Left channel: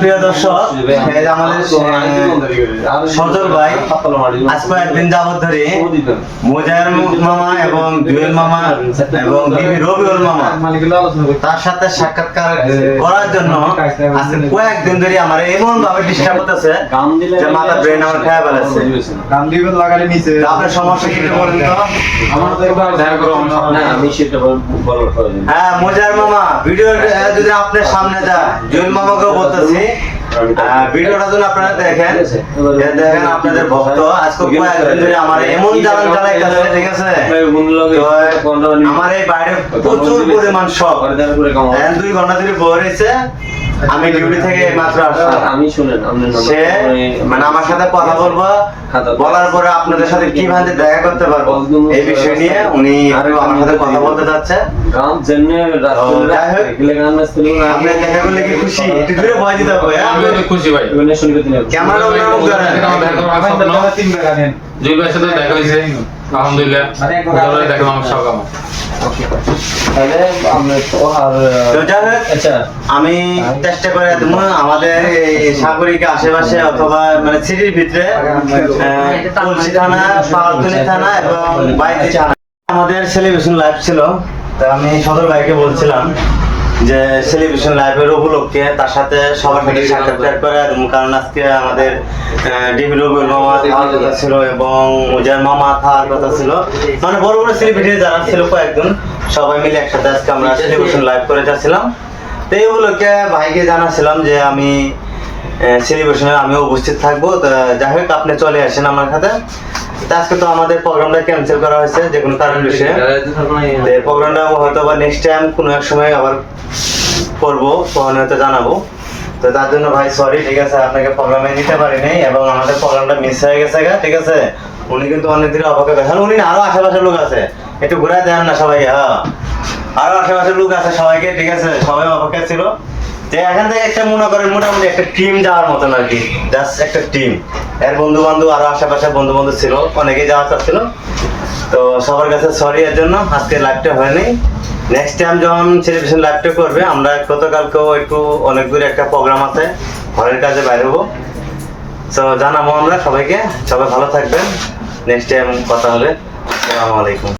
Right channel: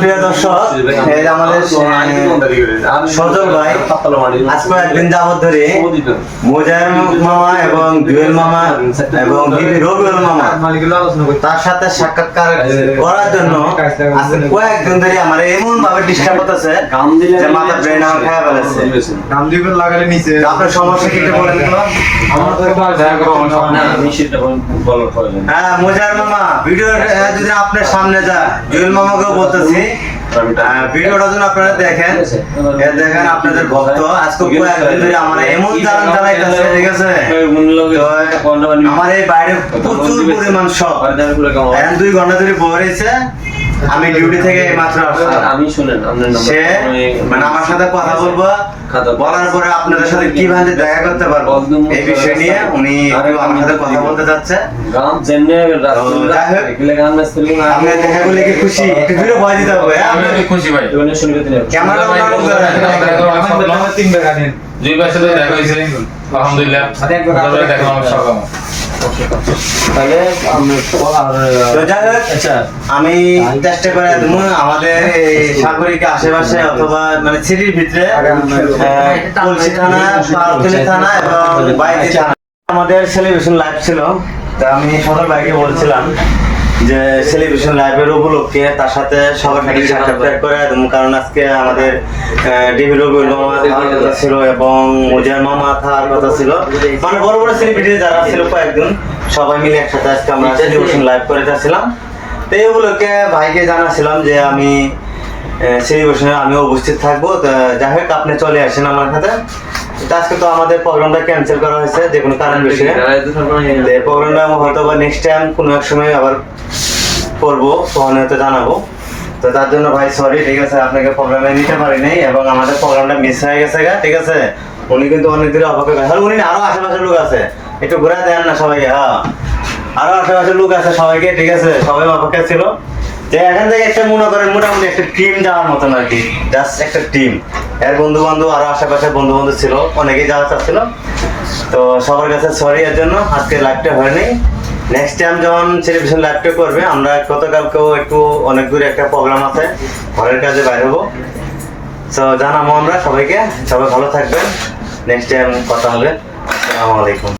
প্রিয় দর্শক, আমাদের সজল ভাই আজ কয়েকদিন যাবত ধরে মোজায়ের মামা এবং জুয়েল মামা এবং রবিউল মামা তার সাথে সাক্ষাৎকার করার জন্য আজকে কয়েকদিন ধরে আমার এমন ভাবে ডিস্টার্ব করতেছে যে মাথা ব্রেন আমার খেয়ে ফেলেছে। আপনার সমস্যা কি একটু বলেন তো? হ্যাঁ, মোজায়ের মামা ভিডিও যদি আপনার সামনে যা, জুয়েল মামাকেও বলতেছি ভিডিওটা যদি আপনারা দেখেন, দেখেন আপনাদের ভক্ত আজকে কয়েকদিন ধরে আমার এমন জ্বালান জ্বালাইতেছে, ঠিক আছে? আমার এই বাইরে প্রচুর পরিমাণ শখ, 2 ঘন্টা ধরে বয়ে রয়েছে। আমি ডিউটি থেকে মাত্র আসলাম। আমি শুনেন সে মানে আমার সাথে কথা বলবো, বলার পরে আপনাদের সাথে কিভাবে দেখা করতে পারবো এই বিষয় নিয়ে উনি আমার সাথে কথা বলতে চাচ্ছে। আপনি দেখা করলে কি খুশি? একটু দূরে ভয় দিতে হবে। আমি খুশি ভাই, ক্যামেরা দুই ভাইয়ের সাথে দেখা হয়েছে, আলহামদুলিল্লাহ। দেখা আমার শখ আমার। আমি চেষ্টা করে দেবো আমাদের সাগরিকা আশেপাশে অথবা মানে সিটির ভিতরে কলসি থানা, পালতলি থানা এবং বাইরে থানা আমাদের সেলিব্রেশন লাইভ ছিল। তা আমি সদর ভাইকে বলছিলাম যে সেলিব্রেশন লাইভের উপলক্ষে তার সাথে সবার সাথে সাক্ষাৎকার করে দেবো, কারণ আজকে আমাদের ডিবি রবিউল মামা থাকার কথা ছিল এবং মোজায়ের মামা থাকার কথা ছিল, মানে বড় বড় সেলিব্রিটি যারা ছিল কয়েকজন, সবাই মিলে একসাথে আজকে আমরা সেলিব্রেশন লাইভ করে যাচ্ছিলাম। তো এই উপলক্ষে ভাইকে জানাছিলাম যে আমি সেলিব্রেশনে আমিও উপস্থিত থাকবো। যাই হোক, আপনি চলে আসেন আমার সাথে। আজকে তো আমাদের প্রোগ্রামটা ক্যান্সেল করা হয়েছে যে কোনো কারণ বিষয়ে। প্রোগ্রামটা হয়তো বা নেক্সট টাইম কোনো এক সময় আবার করবো, তখন হয়তো জানাবো। তো তার জন্য ভাই সরি, ঠিক আছে? আপনাকে প্রোগ্রামে নিতে পারিনি এবং আমাদের প্রোগ্রামটা মিস হয়ে গেছে, ঠিক আছে? উনি কিন্তু অনেক দূরে অপেক্ষা করেন। উনি আরো আশেপাশের লোক আছে, একটু ঘুরে দেন না সবাইকে। হ্যাঁ, আরো আশেপাশের লোক আছে সবাইকে, ঠিক আছে? সবাই অপেক্ষা ছিল যে এখান থেকে একটা মনে করেন মোটামুটি একটা টিম যাওয়ার মতন আর কি, জাস্ট একটা টিম। এর বন্ধু বান্ধব আরো আশেপাশে বন্ধু বান্ধব ছিল, অনেকেই যাওয়া চাচ্ছিল। তো সবার কাছে সরি এর জন্য আজকে লাইভটা হয়নি। নেক্সট টাইম যখন সেলিব্রেশন লাইভটা করবে, আমরা গতকালকেও একটু অনেক দূরে একটা প্রোগ্রাম আছে, ঘরের কাজে বাইরে হবো। তো জানাবো আমরা সবাইকে। সবাই ভালো থাকবেন, নেক্সট টাইম কথা হবে। আসসালামু আলাইকুম।